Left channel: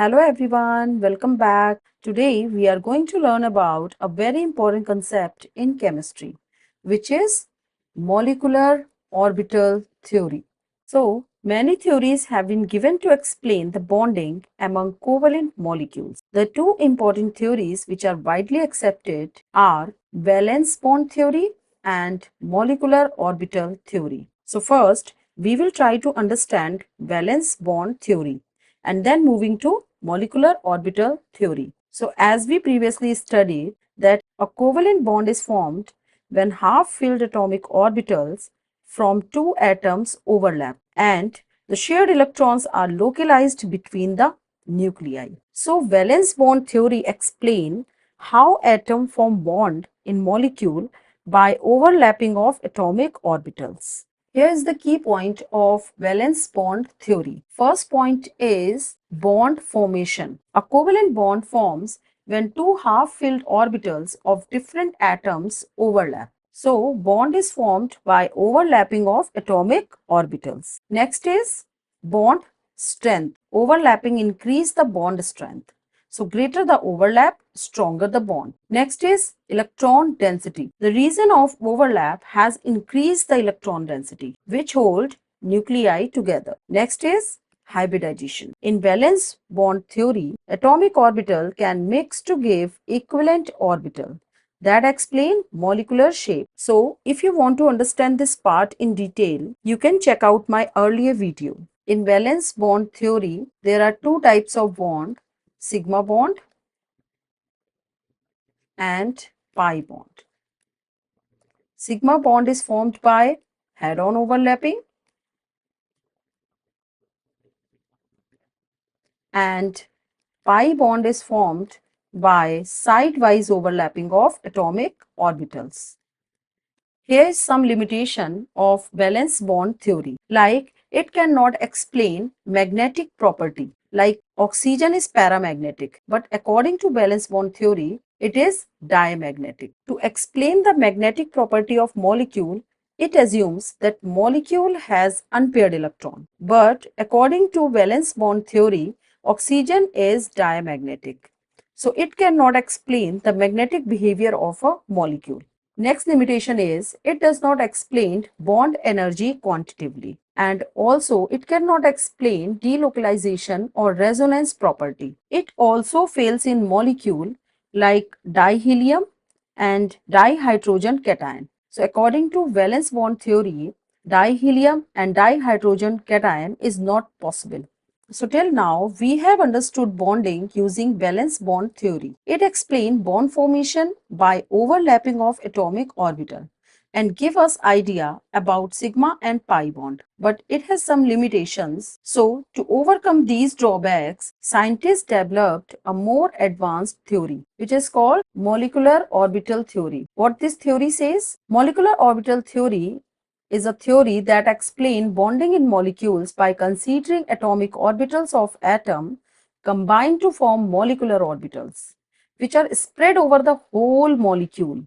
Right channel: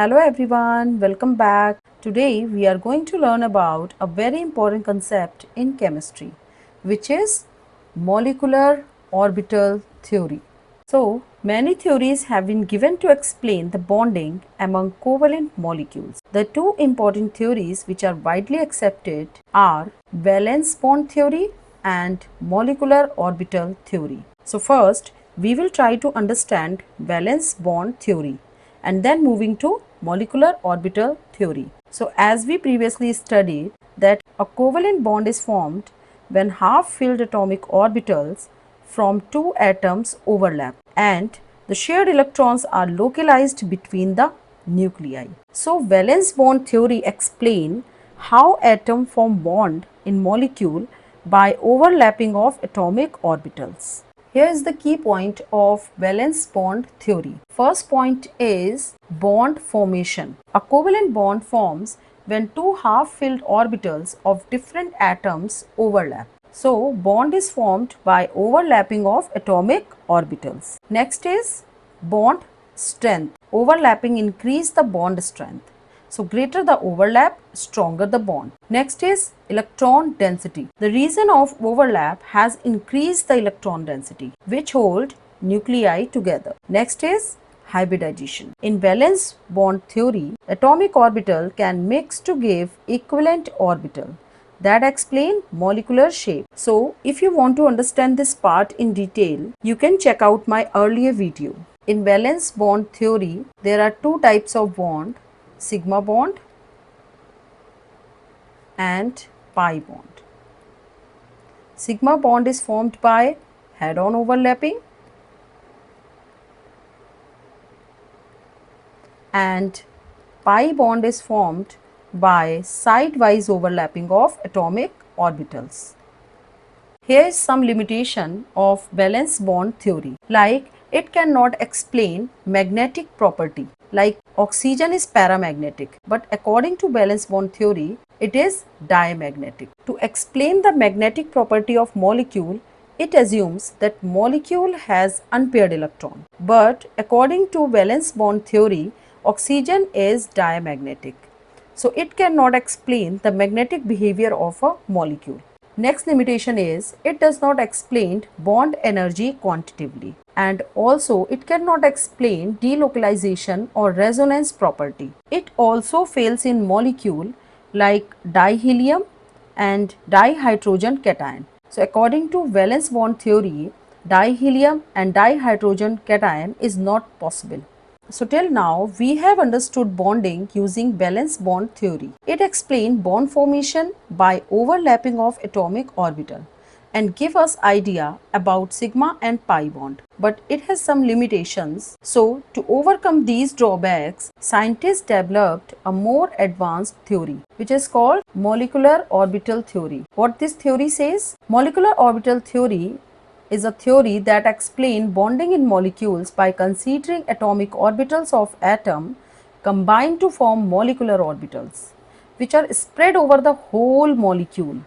Hello everyone, welcome back. Today we are going to learn about a very important concept in chemistry, which is molecular orbital theory. So, many theories have been given to explain the bonding among covalent molecules. The two important theories which are widely accepted are valence bond theory and molecular orbital theory. So, first we will try to understand valence bond theory and then moving to molecular orbital theory. So as we previously studied that a covalent bond is formed when half-filled atomic orbitals from two atoms overlap and the shared electrons are localized between the nuclei. So valence bond theory explain how atoms form bond in molecule by overlapping of atomic orbitals. Here is the key point of valence bond theory. First point is bond formation. A covalent bond forms when two half-filled orbitals of different atoms overlap. So, bond is formed by overlapping of atomic orbitals. Next is bond strength. Overlapping increase the bond strength. So greater the overlap, stronger the bond. Next is electron density. The region of overlap has increased the electron density, which hold nuclei together. Next is hybridization. In valence bond theory, atomic orbital can mix to give equivalent orbital that explain molecular shape. So, if you want to understand this part in detail, you can check out my earlier video. In valence bond theory, there are two types of bond, sigma bond and pi bond. Sigma bond is formed by head-on overlapping and pi bond is formed by side-wise overlapping of atomic orbitals. Here is some limitation of valence bond theory, like it cannot explain magnetic property, like oxygen is paramagnetic, but according to valence bond theory, it is diamagnetic. To explain the magnetic property of molecule, it assumes that molecule has unpaired electron. But according to valence bond theory, oxygen is diamagnetic. So it cannot explain the magnetic behavior of a molecule. Next limitation is it does not explain bond energy quantitatively, and also it cannot explain delocalization or resonance property. It also fails in molecule like dihelium and dihydrogen cation. So according to valence bond theory, dihelium and dihydrogen cation is not possible. So till now, we have understood bonding using valence bond theory. It explains bond formation by overlapping of atomic orbital and give us idea about sigma and pi bond. But it has some limitations. So to overcome these drawbacks, scientists developed a more advanced theory, which is called molecular orbital theory. What this theory says? Molecular orbital theory is a theory that explains bonding in molecules by considering atomic orbitals of atom combined to form molecular orbitals, which are spread over the whole molecule,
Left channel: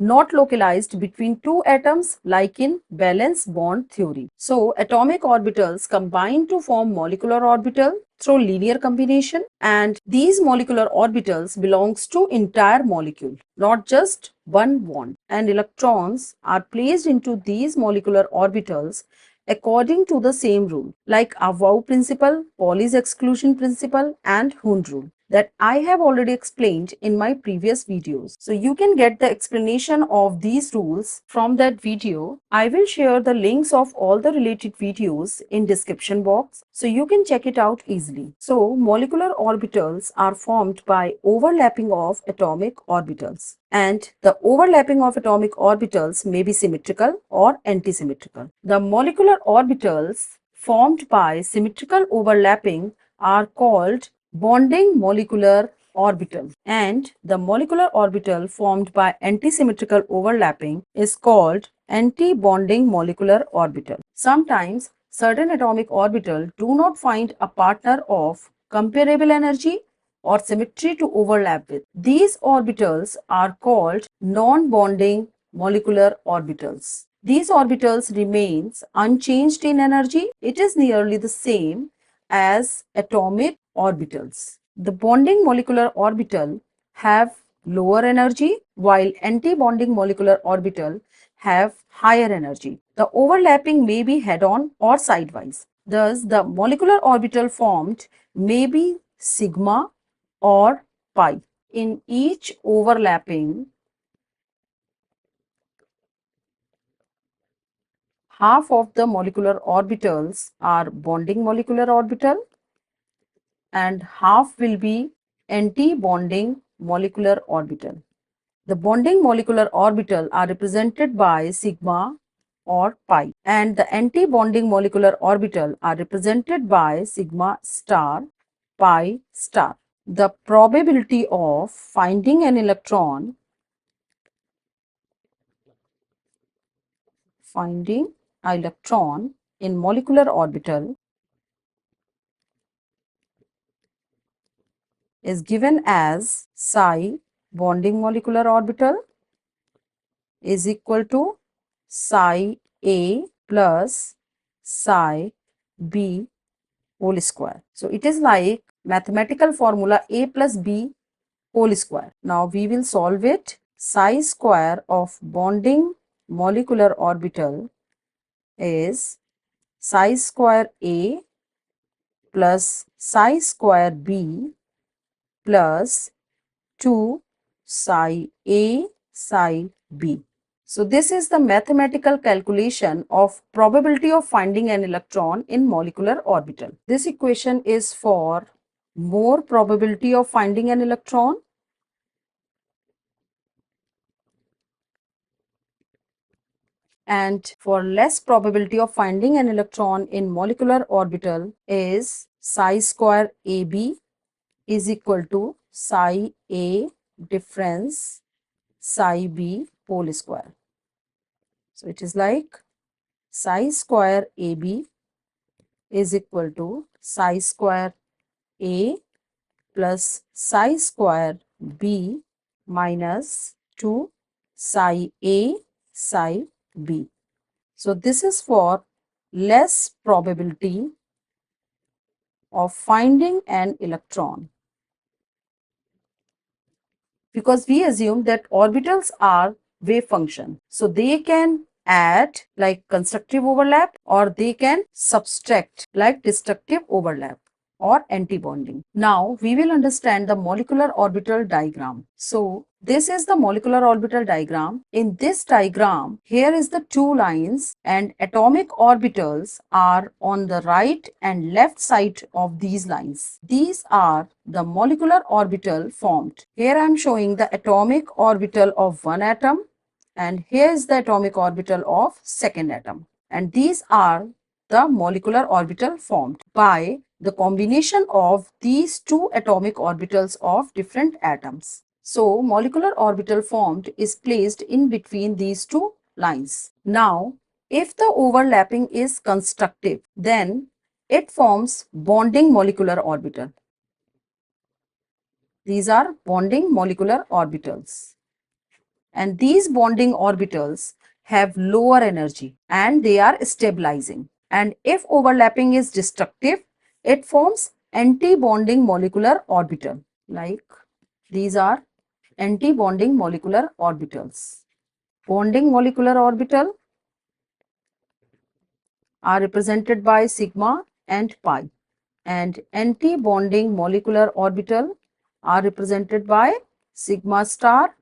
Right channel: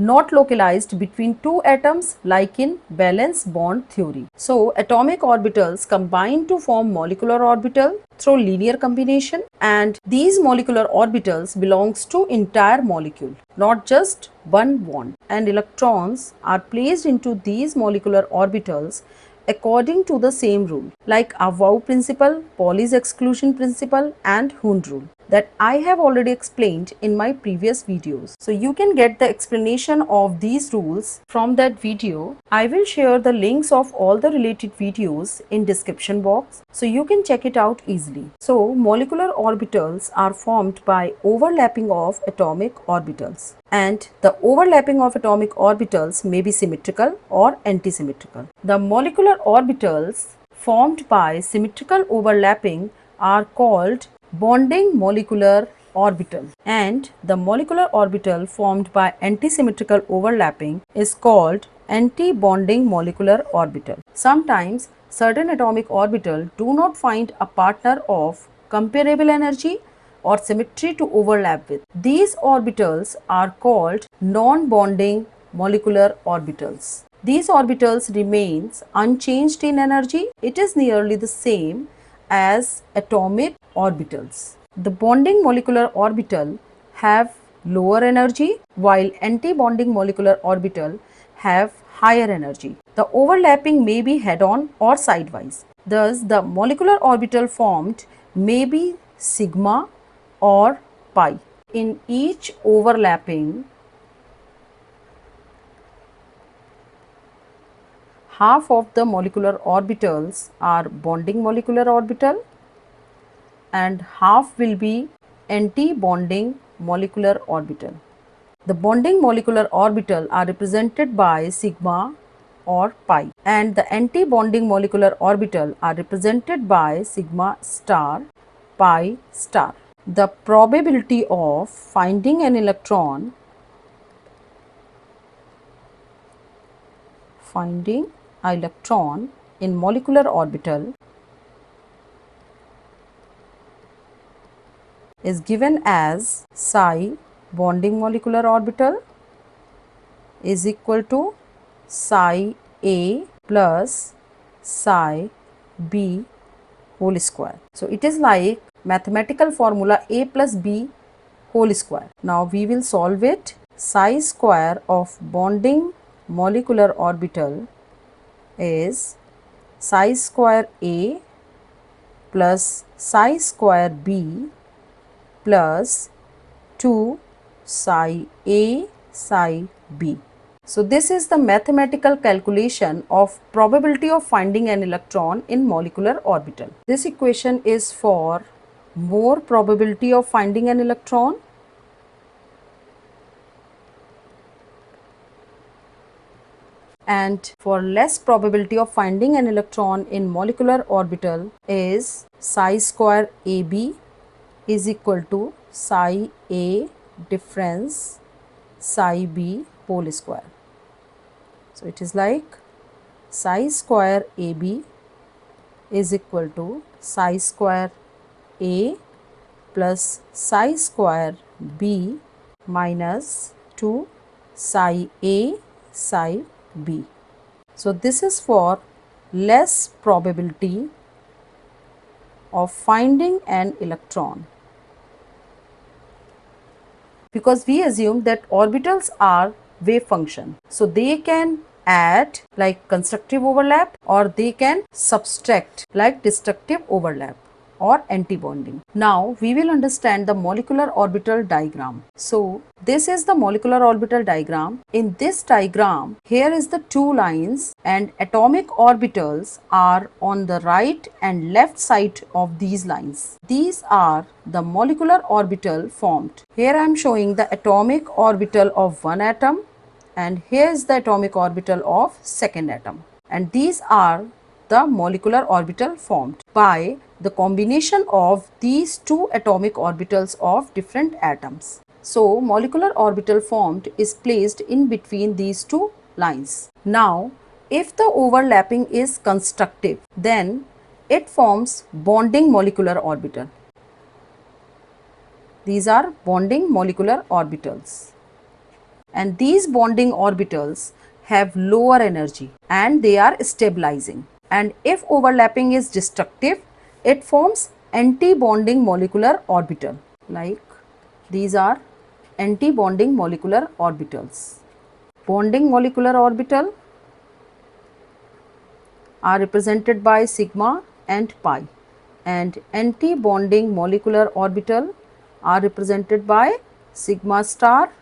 not localized between two atoms like in valence bond theory. So, atomic orbitals combine to form molecular orbital through linear combination, and these molecular orbitals belongs to entire molecule, not just one bond, and electrons are placed into these molecular orbitals according to the same rule like Aufbau principle, Pauli's exclusion principle and Hund rule that I have already explained in my previous videos. So you can get the explanation of these rules from that video. I will share the links of all the related videos in description box so you can check it out easily. So molecular orbitals are formed by overlapping of atomic orbitals, and the overlapping of atomic orbitals may be symmetrical or antisymmetrical. The molecular orbitals formed by symmetrical overlapping are called bonding molecular orbital, and the molecular orbital formed by antisymmetrical overlapping is called anti-bonding molecular orbital. Sometimes certain atomic orbital do not find a partner of comparable energy or symmetry to overlap with. These orbitals are called non-bonding molecular orbitals. These orbitals remains unchanged in energy. It is nearly the same as atomic orbitals. The bonding molecular orbital have lower energy while anti-bonding molecular orbital have higher energy. The overlapping may be head-on or sidewise. Thus, the molecular orbital formed may be sigma or pi. In each overlapping, half of the molecular orbitals are bonding molecular orbital and half will be anti-bonding molecular orbital. The bonding molecular orbital are represented by sigma or pi, and the anti-bonding molecular orbital are represented by sigma star, pi star. The probability of finding an electron in molecular orbital is given as psi bonding molecular orbital is equal to psi A plus psi B whole square. So it is like mathematical formula A plus B whole square. Now we will solve it. Psi square of bonding molecular orbital is psi square A plus psi square B plus 2 psi A psi B. So this is the mathematical calculation of probability of finding an electron in molecular orbital. This equation is for more probability of finding an electron, and for less probability of finding an electron in molecular orbital is psi square AB is equal to psi A difference psi B whole square. So it is like psi square AB is equal to psi square A plus psi square B minus 2 psi A psi B. So this is for less probability of finding an electron, because we assume that orbitals are wave function. So they can add like constructive overlap or they can subtract like destructive overlap or antibonding. Now we will understand the molecular orbital diagram. So this is the molecular orbital diagram. In this diagram, here is the two lines and atomic orbitals are on the right and left side of these lines. These are the molecular orbital formed. Here I am showing the atomic orbital of one atom and here is the atomic orbital of second atom. And these are the molecular orbital formed by the combination of these two atomic orbitals of different atoms. So molecular orbital formed is placed in between these two lines. Now if the overlapping is constructive, then it forms bonding molecular orbital. These are bonding molecular orbitals. And these bonding orbitals have lower energy and they are stabilizing. And if overlapping is destructive, it forms anti-bonding molecular orbital. Like these are anti-bonding molecular orbitals. Bonding molecular orbital are represented by sigma and pi, and anti-bonding molecular orbital are represented by sigma star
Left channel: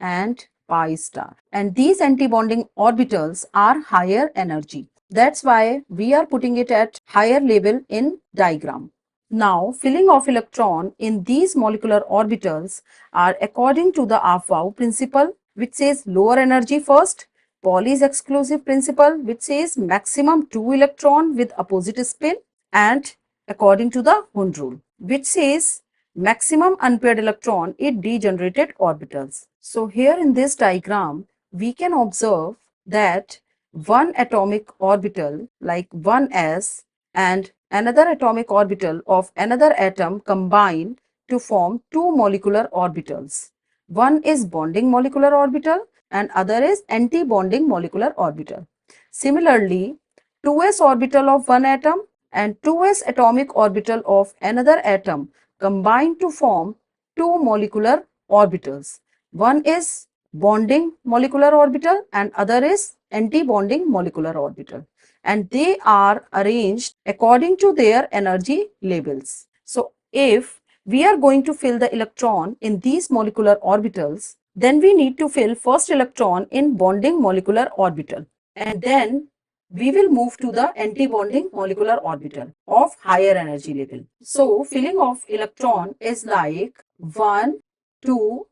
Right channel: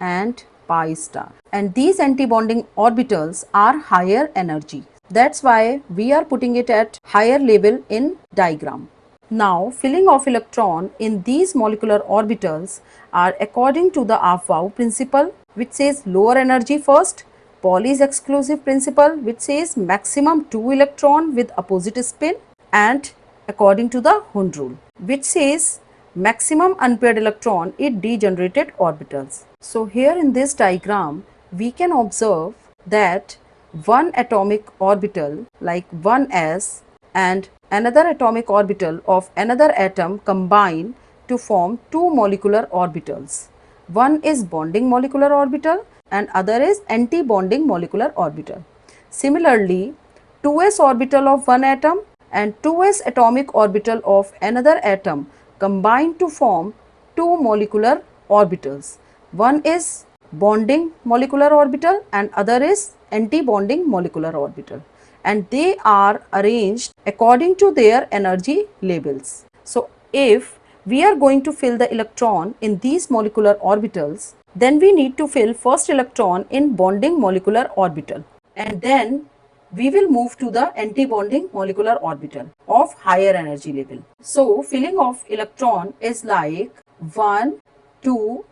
and pi star. And these anti-bonding orbitals are higher energy. That's why we are putting it at higher level in diagram. Now, filling of electron in these molecular orbitals are according to the Aufbau principle, which says lower energy first, Pauli's exclusive principle, which says maximum 2 electron with opposite spin, and according to the Hund rule, which says maximum unpaired electron in degenerated orbitals. So here in this diagram, we can observe that one atomic orbital like 1s and another atomic orbital of another atom combine to form two molecular orbitals. One is bonding molecular orbital and other is anti-bonding molecular orbital. Similarly, 2s orbital of one atom and 2s atomic orbital of another atom combine to form two molecular orbitals. One is bonding molecular orbital and other is anti-bonding molecular orbital, and they are arranged according to their energy labels. So if we are going to fill the electron in these molecular orbitals, then we need to fill first electron in bonding molecular orbital, and then we will move to the anti-bonding molecular orbital of higher energy level. So filling of electron is like 1, 2,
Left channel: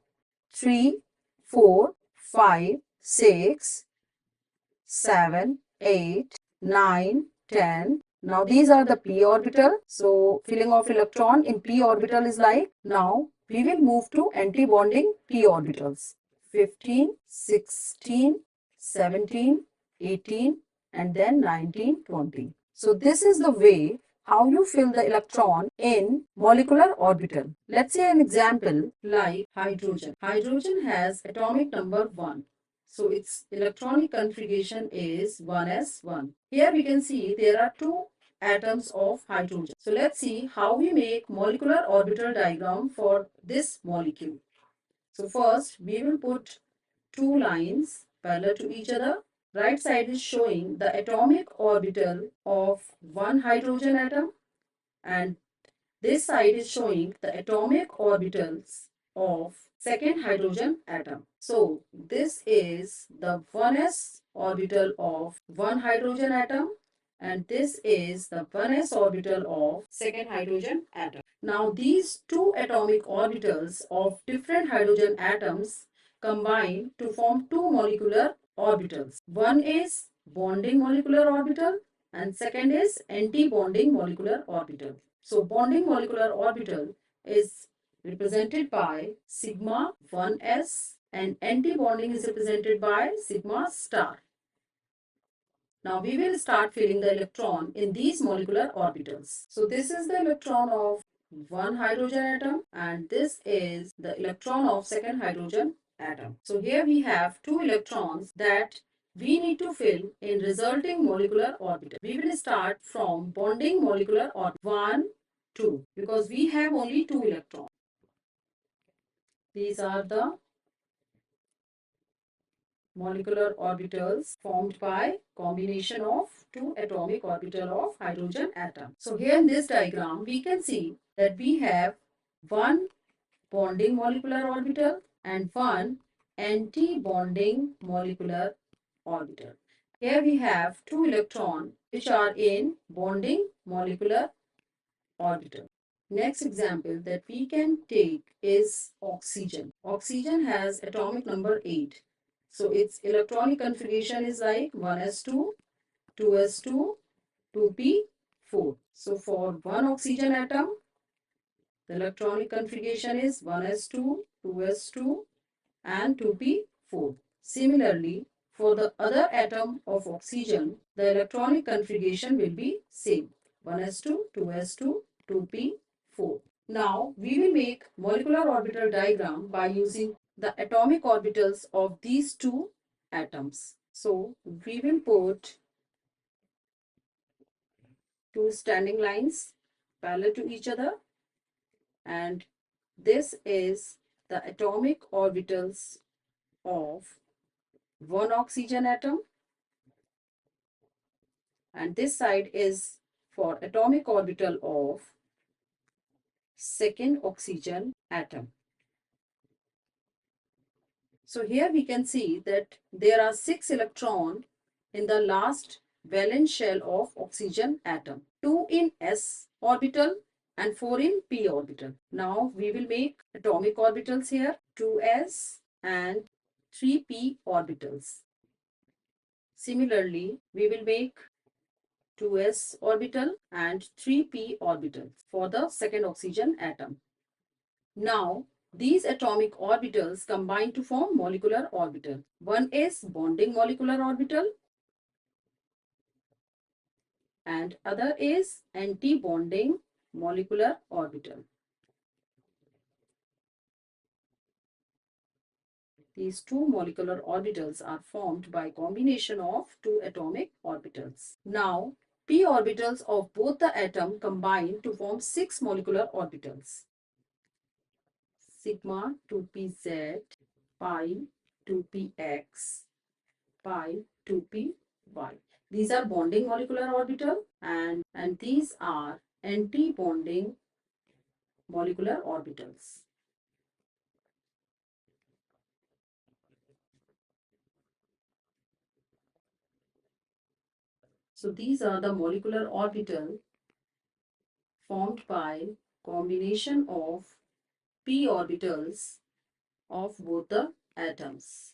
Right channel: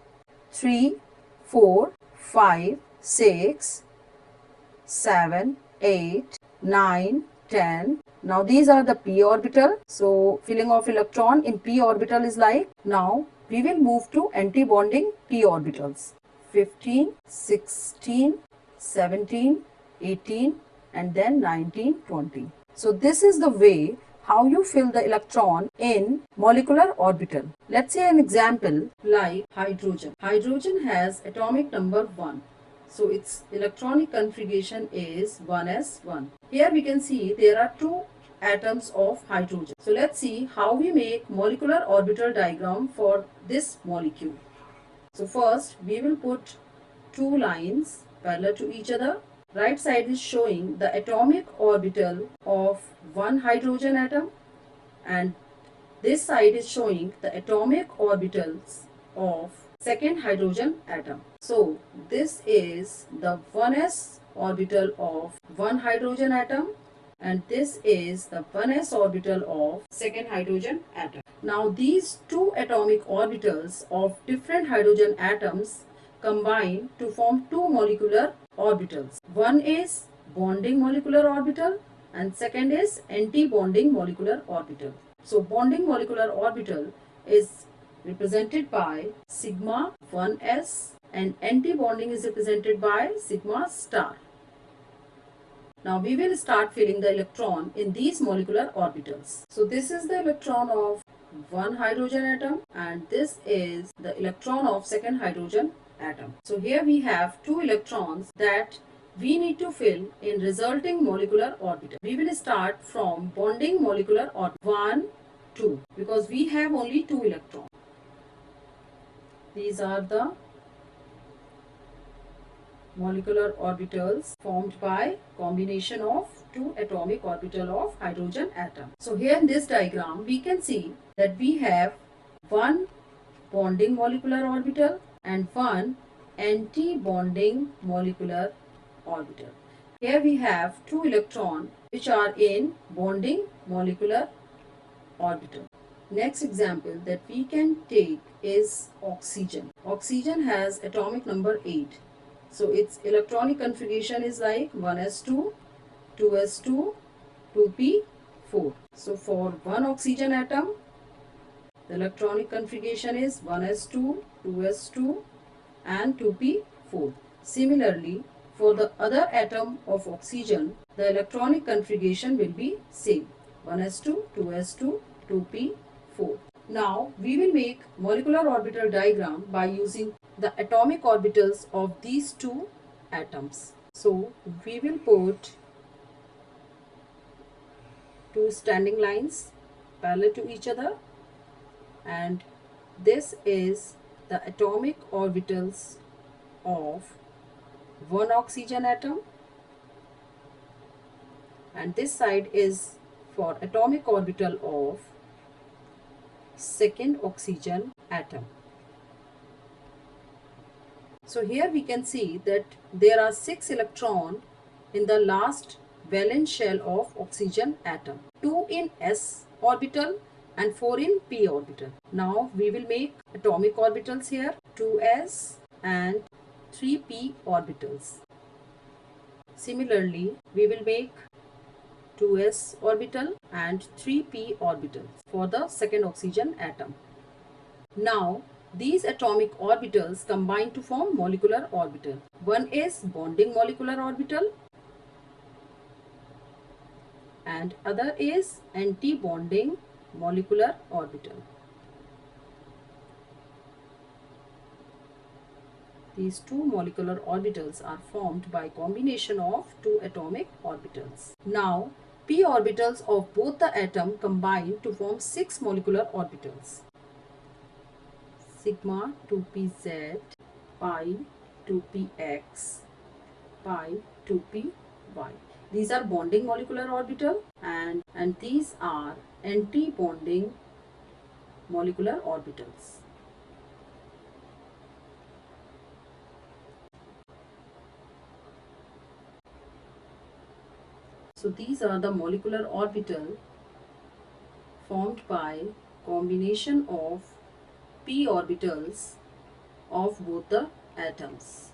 3, 4, 5, 6, 7, 8, 9, 10. Now these are the p orbital. So filling of electron in p orbital is like, now we will move to anti-bonding p orbitals. 15, 16, 17, 18 and then 19, 20. So this is the way how you fill the electron in molecular orbital. Let's say an example like hydrogen. Hydrogen has atomic number 1. So its electronic configuration is 1s1. Here we can see there are two atoms of hydrogen. So let's see how we make molecular orbital diagram for this molecule. So first we will put two lines parallel to each other. Right side is showing the atomic orbital of one hydrogen atom, and this side is showing the atomic orbitals of second hydrogen atom. So this is the 1s orbital of one hydrogen atom, and this is the 1s orbital of second hydrogen atom. Now these two atomic orbitals of different hydrogen atoms combine to form two molecular orbitals. One is bonding molecular orbital and second is anti-bonding molecular orbital. So bonding molecular orbital is represented by sigma 1s and anti-bonding is represented by sigma star. Now we will start filling the electron in these molecular orbitals. So this is the electron of one hydrogen atom and this is the electron of second hydrogen atom. So here we have two electrons that we need to fill in resulting molecular orbital. We will start from bonding molecular orbital 1, 2 because we have only two electrons. These are the molecular orbitals formed by combination of two atomic orbital of hydrogen atom. So here in this diagram we can see that we have one bonding molecular orbital and one anti-bonding molecular orbital. Here we have two electrons which are in bonding molecular orbital. Next example that we can take is oxygen. Oxygen has atomic number 8. So its electronic configuration is like 1s2, 2s2, 2p4. So for one oxygen atom, the electronic configuration is 1s2, 2s2 and 2p4. Similarly, for the other atom of oxygen, the electronic configuration will be same 1s2, 2s2, 2p4. Now we will make molecular orbital diagram by using the atomic orbitals of these two atoms. So we will put two standing lines parallel to each other, and this is the atomic orbitals of one oxygen atom, and this side is for atomic orbital of second oxygen atom. So here we can see that there are 6 electrons in the last valence shell of oxygen atom, 2 in s orbital and 4 in p orbital. Now we will make atomic orbitals here, 2s and 3p orbitals. Similarly, we will make 2s orbital and 3p orbitals for the second oxygen atom. Now these atomic orbitals combine to form molecular orbital. One is bonding molecular orbital and other is anti-bonding molecular orbital. These two molecular orbitals are formed by combination of two atomic orbitals. Now p orbitals of both the atom combine to form 6 molecular orbitals. Sigma 2pz, pi 2px, pi 2py. These are bonding molecular orbital and these are anti-bonding molecular orbitals. So these are the molecular orbital formed by combination of p orbitals of both the atoms.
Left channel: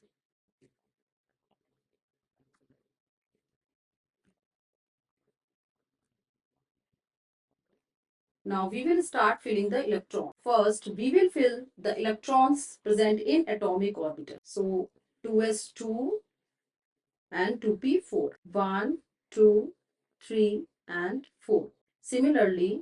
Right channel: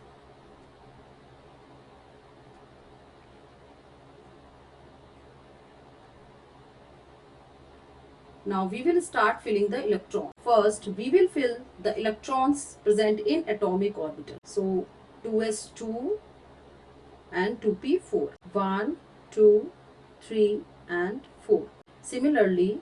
Now we will start filling the electron. First we will fill the electrons present in atomic orbital. So 2s2 and 2p4. 1, 2, 3 and 4. Similarly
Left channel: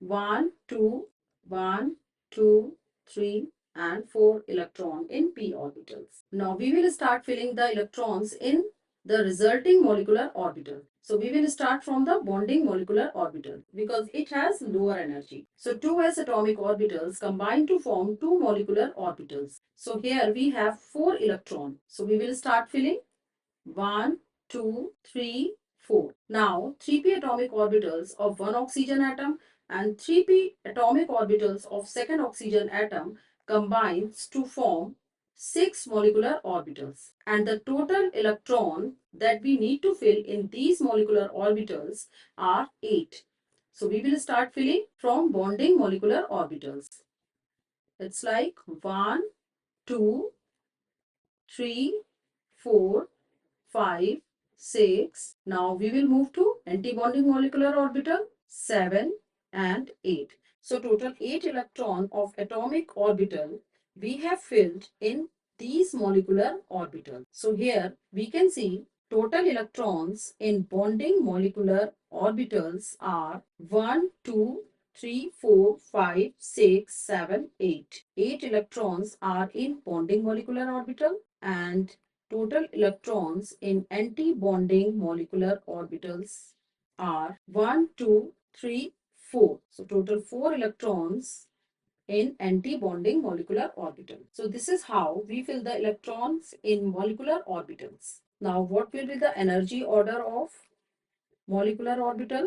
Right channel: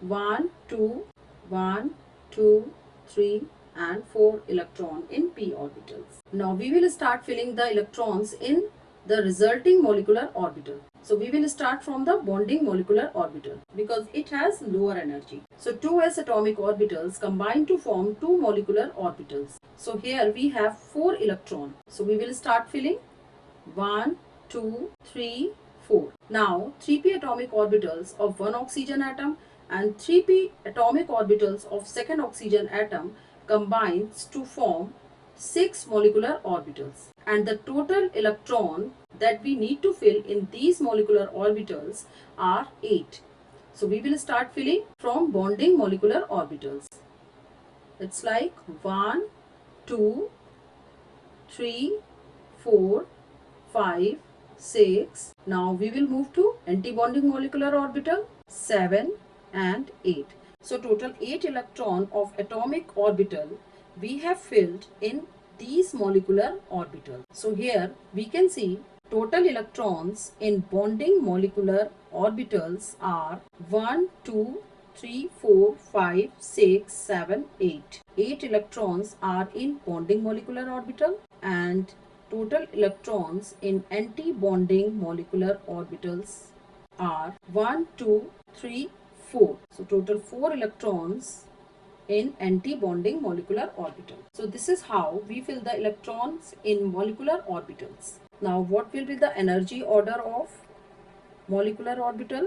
1, 2, 1, 2, 3 and 4 electron in p orbitals. Now we will start filling the electrons in the resulting molecular orbital. So we will start from the bonding molecular orbital because it has lower energy. So 2s atomic orbitals combine to form 2 molecular orbitals. So here we have 4 electrons. So we will start filling 1, 2, 3, 4. Now 3p atomic orbitals of one oxygen atom and 3p atomic orbitals of second oxygen atom combines to form 6 molecular orbitals, and the total electron that we need to fill in these molecular orbitals are 8. So we will start filling from bonding molecular orbitals. It's like 1, 2, 3, 4, 5, 6. Now we will move to antibonding molecular orbital 7 and 8. So total 8 electron of atomic orbital we have filled in these molecular orbitals. So here we can see total electrons in bonding molecular orbitals are 1, 2, 3, 4, 5, 6, 7, 8. 8 electrons are in bonding molecular orbital and total electrons in anti-bonding molecular orbitals are 1, 2, 3, 4. So total 4 electrons in anti-bonding molecular orbital. So this is how we fill the electrons in molecular orbitals. Now what will be the energy order of molecular orbital?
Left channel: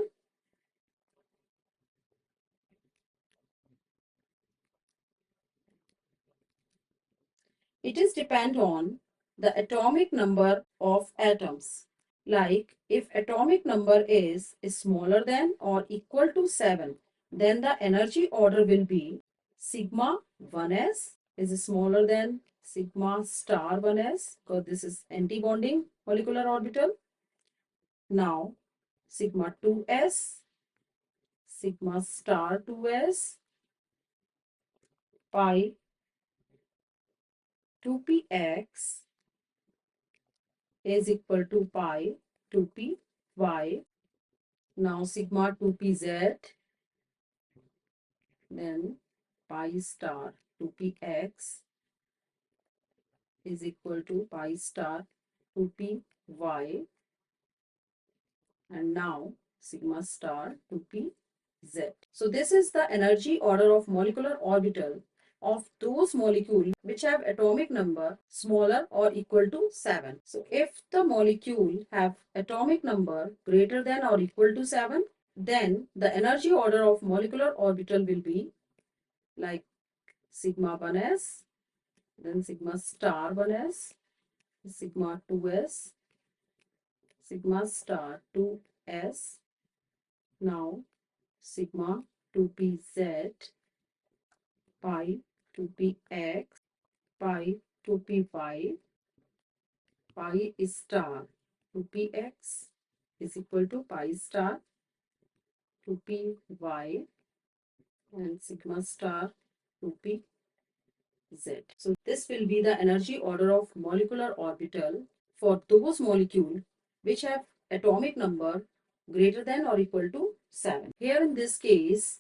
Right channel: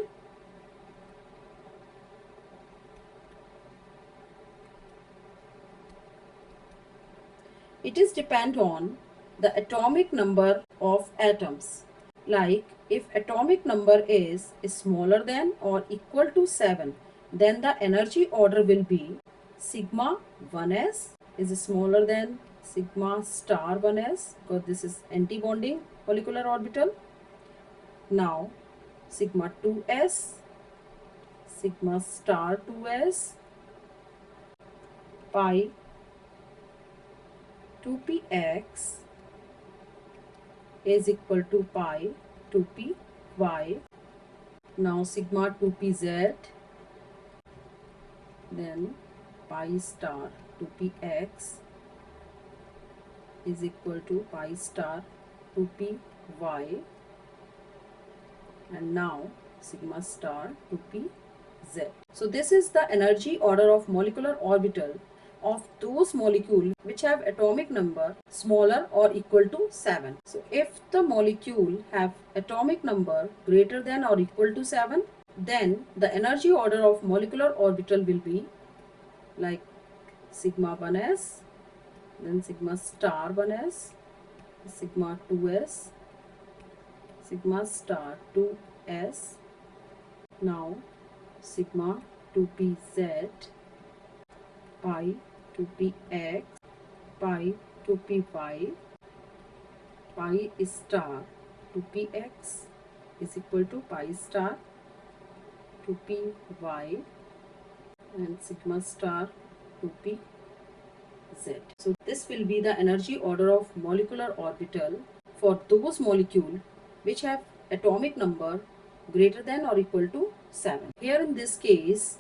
It is depend on the atomic number of atoms. Like if atomic number is smaller than or equal to 7, then the energy order will be sigma 1s is smaller than sigma star 1s because this is anti-bonding molecular orbital. Now sigma 2s, sigma star 2s, pi 2px is equal to pi 2py. Now sigma 2pz, then pi star 2px is equal to pi star 2py, and now sigma star 2pz. So this is the energy order of molecular orbital of those molecules which have atomic number smaller or equal to 7. So if the molecule have atomic number greater than or equal to 7, then the energy order of molecular orbital will be like sigma 1s, then sigma star 1s, sigma 2s, sigma star 2s, now sigma 2pz, pi 2px, pi 2py, pi star 2px is equal to pi star 2py, and sigma star 2pz. So this will be the energy order of molecular orbital for those molecules which have atomic number greater than or equal to 7. Here in this case,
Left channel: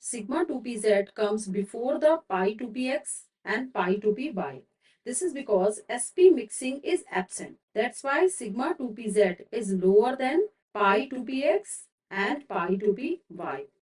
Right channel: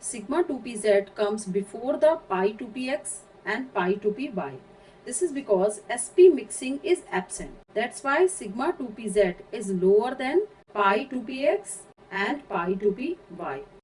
sigma 2pz comes before the pi 2px and pi 2py. This is because sp mixing is absent. That's why sigma 2pz is lower than pi 2px and pi 2py.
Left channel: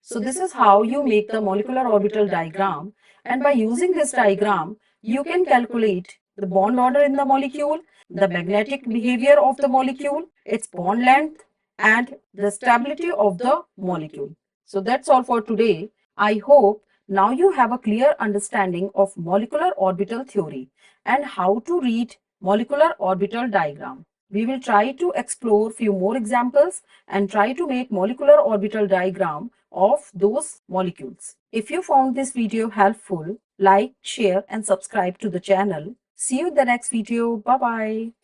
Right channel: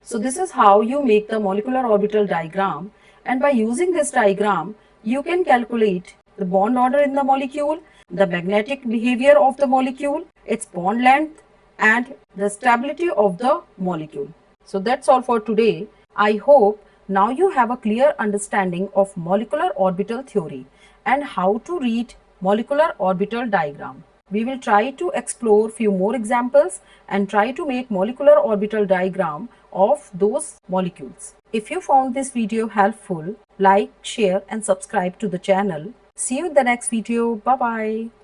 So this is how you make the molecular orbital diagram, and by using this diagram you can calculate the bond order in the molecule, the magnetic behavior of the molecule, its bond length, and the stability of the molecule. So that's all for today. I hope now you have a clear understanding of molecular orbital theory and how to read molecular orbital diagram. We will try to explore few more examples and try to make molecular orbital diagram of those molecules. If you found this video helpful, like, share and subscribe to the channel. See you in the next video. Bye bye.